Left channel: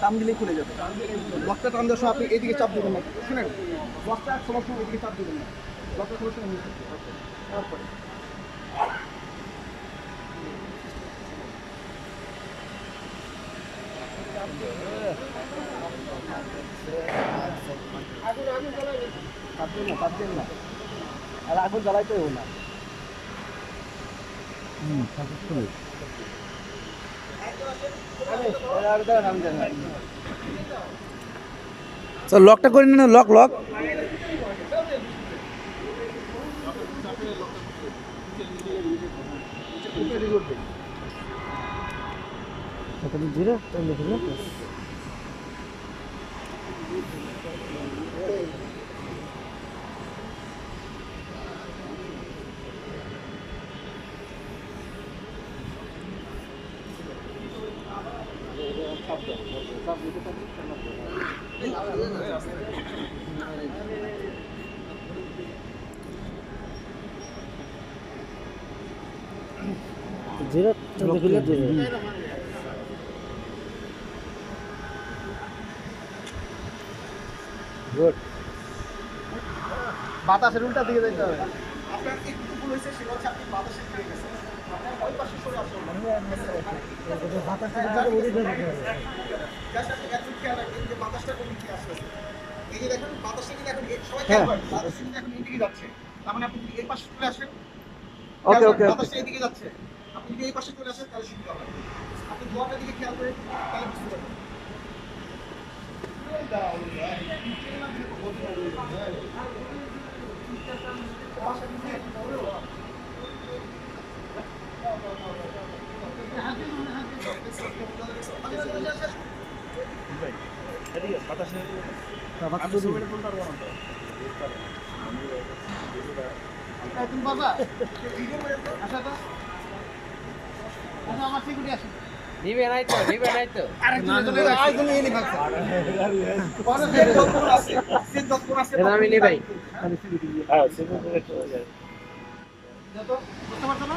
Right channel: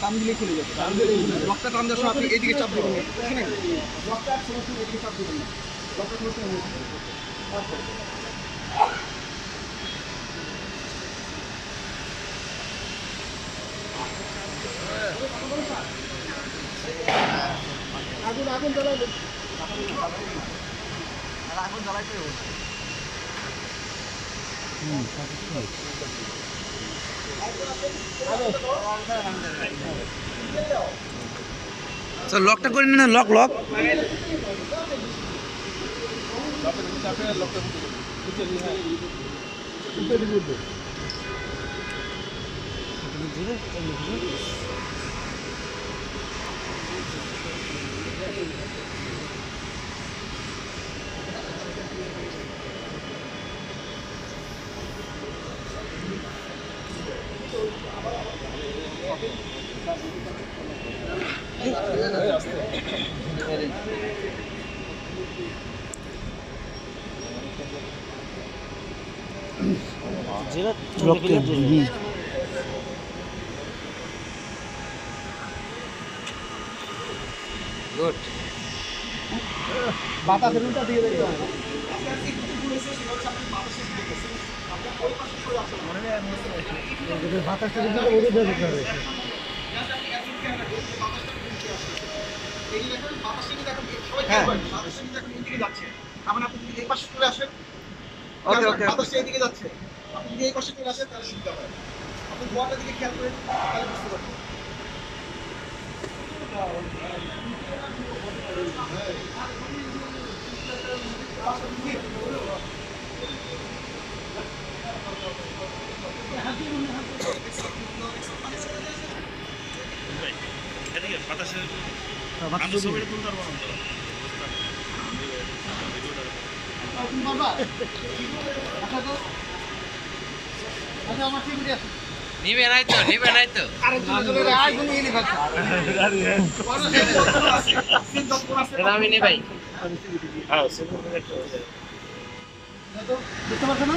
টান দিলেই খুলে যাবে। লকটা টান দেওয়ার সময় আপনি এইদিকে চাপ দেবেন না, শুনেন লকটা খোলার সময় এদিকে চাপ দেবেন না, লকটা খোলার সময় তারপরে আগুন আগুন জ্বালাবেন, চাপবেন না, চাপবেন না, আর আগুন জ্বালাইতেও না। লকটা করে না, লক লক জিরো গুড। বাতাসের উল্টা দিকে দেখতে হবে। আপনার একটু ভুল হয়েছে, সেটা হচ্ছে আপনি বাতাসের দিকে গেছেন। আপনার ওই পাশে সরে আসতে হবে। মনে হয় বাতাসের দিকে ওরে যেতে হবে। জাস্ট আপনি এত খেয়াল রাখুন যে বাতাসটা কোন দিকে আসছে। এই যে দেখুন বাতাসটা কিন্তু এখন সবাই খেয়াল করেন, বাতাসটা কিন্তু এখন এদিকে যাচ্ছে। তার মানে আপনি যদি এই পাশে চলে আসেন, ওকে ওকে, বাতাসটা এদিকে যাচ্ছে। আপনি যদি এই পাশে চলে আসেন তাহলে সুবিধা হয়। আপনি গোয়াটার দিকে খেয়াল করেন তাহলে বুঝতে পারবেন। এদিকে বাতাসের আমি ছবিটা তুলতে পারবো না তো ভিডিওটা নিবে নাই তো আমি নেই ভাই। বুঝতে পারছো না?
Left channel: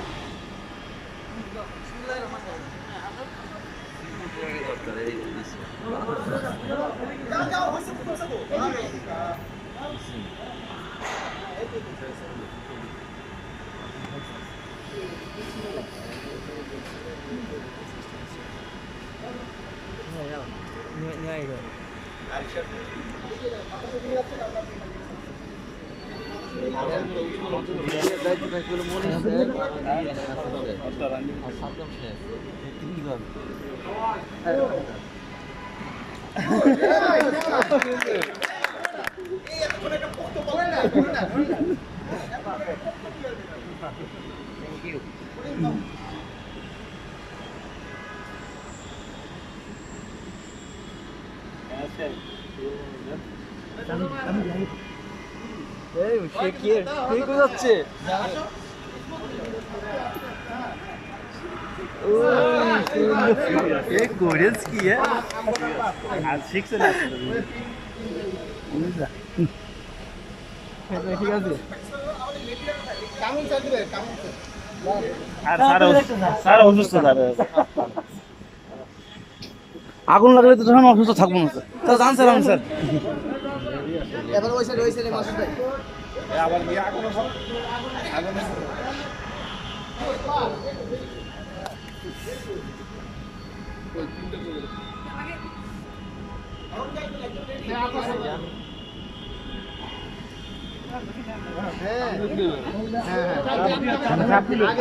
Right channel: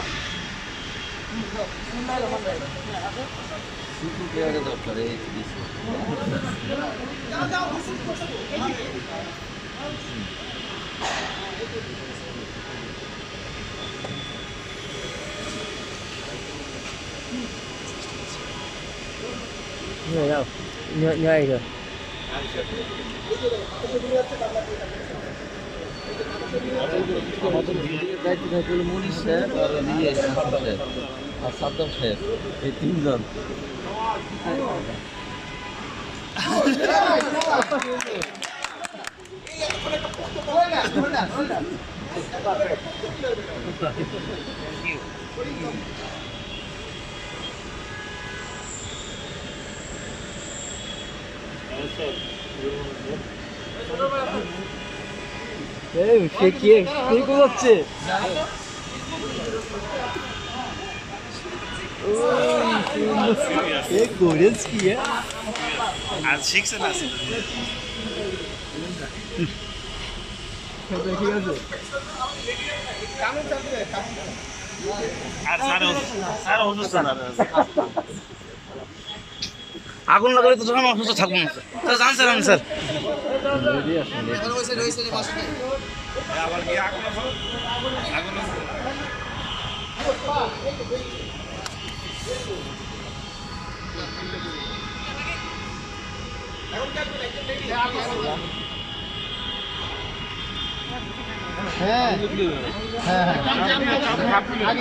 nhảy rồi মনিশ স্যার আর সাদ্দাম স্যার এই তিনজন সে কি যাচ্ছে আর শিখছে না ঠিক আছে আর স্যার অসুস্থ আগুন লাগালে তো তখন অসুস্থ থাকবো না স্যার জান স্যার আমি স্যার আবার গিয়ে আগুনে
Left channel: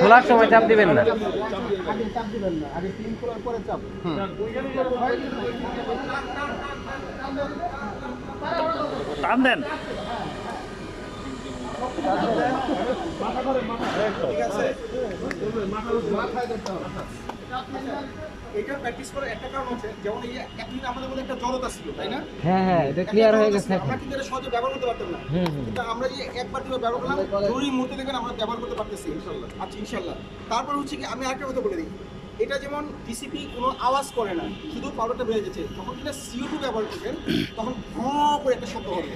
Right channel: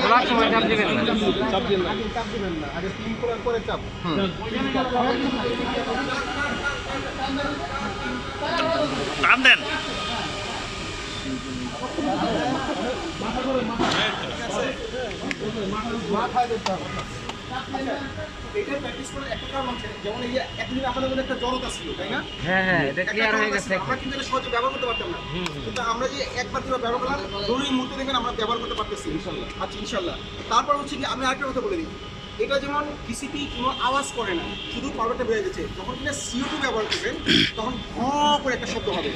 খোলার সময় চাপ দিবেন না চাপ দিবেন না, আগে ক্লিন করার পরে চাপ। টান দেন মাথায় ধরতে হবে। এটার প্র্যাকটিস করার একটা কারণ হচ্ছে, যেমন এই এতদিন আমাদের মধ্যে একটা জড়তা ছিল, তাই না? হ্যাঁ এটা ক্লিয়ার হয়ে গেছে আমরা কিন্তু এটা সহজে ব্যবহার করতে পারতাম না, কিন্তু আমরা যে একবার দুবার ব্যবহার করলাম, জরুরি মুহূর্তে দেখবেন আমরা ব্যবহার করতে পারতেছি ইনশাল্লাহ। আচ্ছা ইনশাল্লাহ। তারপর হচ্ছে কি, আমি আরেকটা কথা বলে দিই, এটা যেমন টিসিপি কোনো আওয়াজ করে না, শুধু পাউডারটা বেড়ে যাচ্ছে। যখন কিনা CO2 ব্যবহার করবেন তখন ঘঁ করে একটা শব্দ হবে,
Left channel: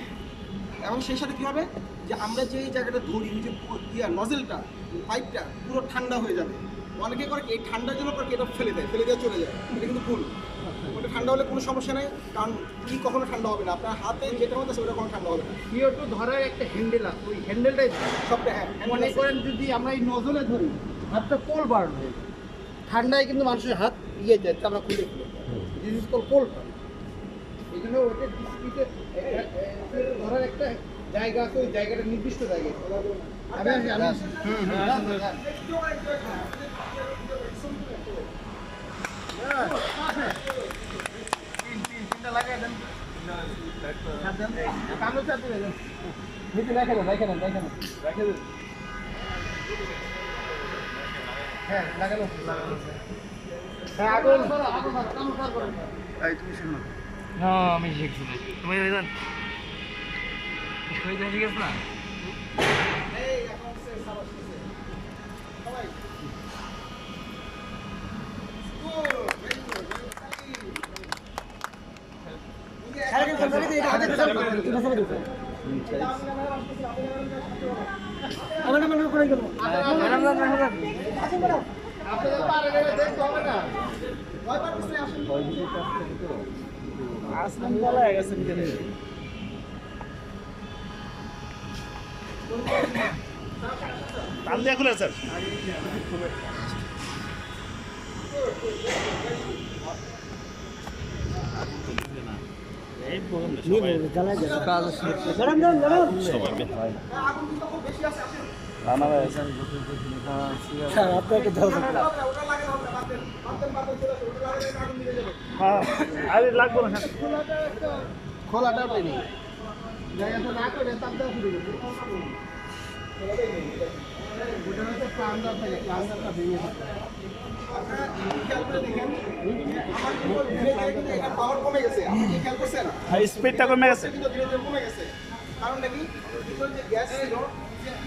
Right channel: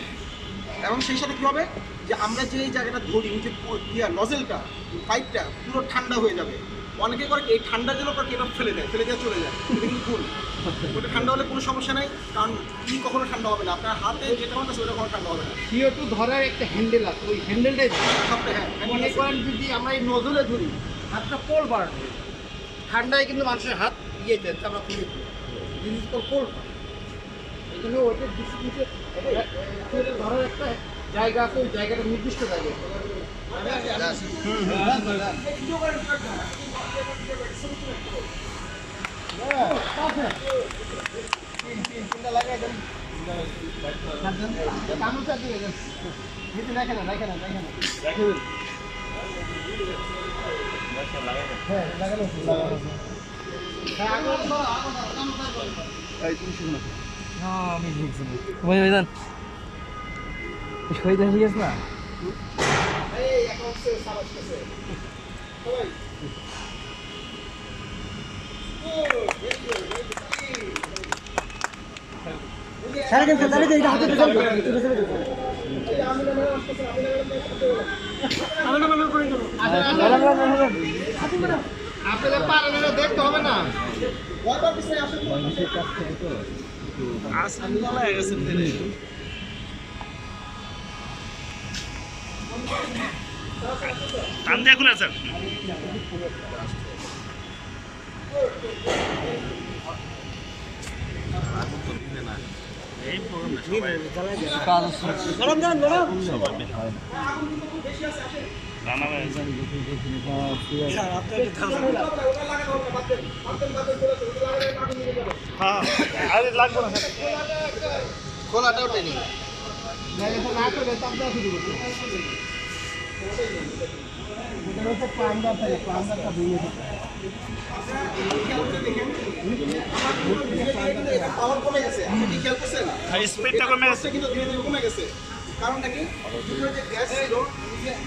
এবং সেই সাথে কী হবে যে আমরা যে জায়গাটা ধরি, যে নজেলটা পাইপটা পুরো ঠান্ডা হয়ে যাবে। অনেকে করে কি এই ঠান্ডা জন্য করে এটা ফেলে দেয় চলে যায়, এটা কিন্তু ভুল। ওটা ঠান্ডা হলে কোনো সমস্যা নাই, কারণ কখনো ঠান্ডা হবে না, আপনার হাতে যেটা হচ্ছে ওটা কোনো ঠান্ডা হবে না। CO2 ধরার একটা হ্যান্ডেল আছে, ওই হ্যান্ডেলটাই সবটা হ্যাঁ মনে করেন যদি আমরা এই নজলে ধরি হাতটা কোল বার হয়ে যায়। ঠান্ডায় কিন্তু মানুষের হাত ইয়ে যায়, আমরা খুলে দিস ইজ কল কোল। এই জন্য ওইটা ধরার একটা জায়গা আছে, ওই জায়গাটা নির্দিষ্ট জায়গা। লাগাই দেন কামড় চাপ দিয়ে দেন, রেখে দেন। হ্যাঁ লাগানো হ্যাঁ আগুন ধরো কামড় চাপ করেন। এই তুমি শিখো না। হ্যাঁ আমি শিখছি না তুমি জান শহীদ হয়ে গেছ না এই এখন হচ্ছে সাবাস কেসে সবাই আপনাদের পারেন দেখতে হবে না। আসলাম গলায় গেছেন তিনি টান দিয়ে খুলে স্যার আগুন তো নিবে না এই প্রোগ্রাম সবাই রান্না হয়েছে হ্যাঁ আরে লাগবে না খোলাটা ওঠে নি না করে তাপ দেওয়া শুরু করছে। ওটা হচ্ছে প্লান্ডার থাকে, প্লান্ডারটা ভেঙে থাকে। পাওয়ার কমে গেছে, আপনি কি খেয়াল করছেন? স্পিডটা কমে গেছে কিন্তু ধীরে ধীরে কমে গেছে, কারণটা কি ভিতরে যে গ্যাস ছিল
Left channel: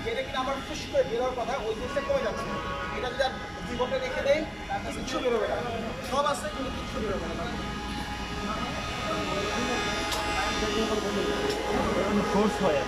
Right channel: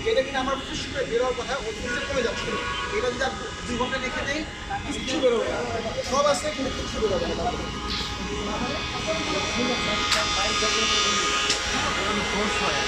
যেটা কিনা আমার ফুস করে বেরোর কথা ওই গ্যাসটা কমে যাচ্ছে। এটা যদি 2 ঘন্টা রেখে দেয় কিচ্ছু বেরোবে না, সব আছে কিন্তু কিচ্ছু বেরোবে না। ফোর্স হয়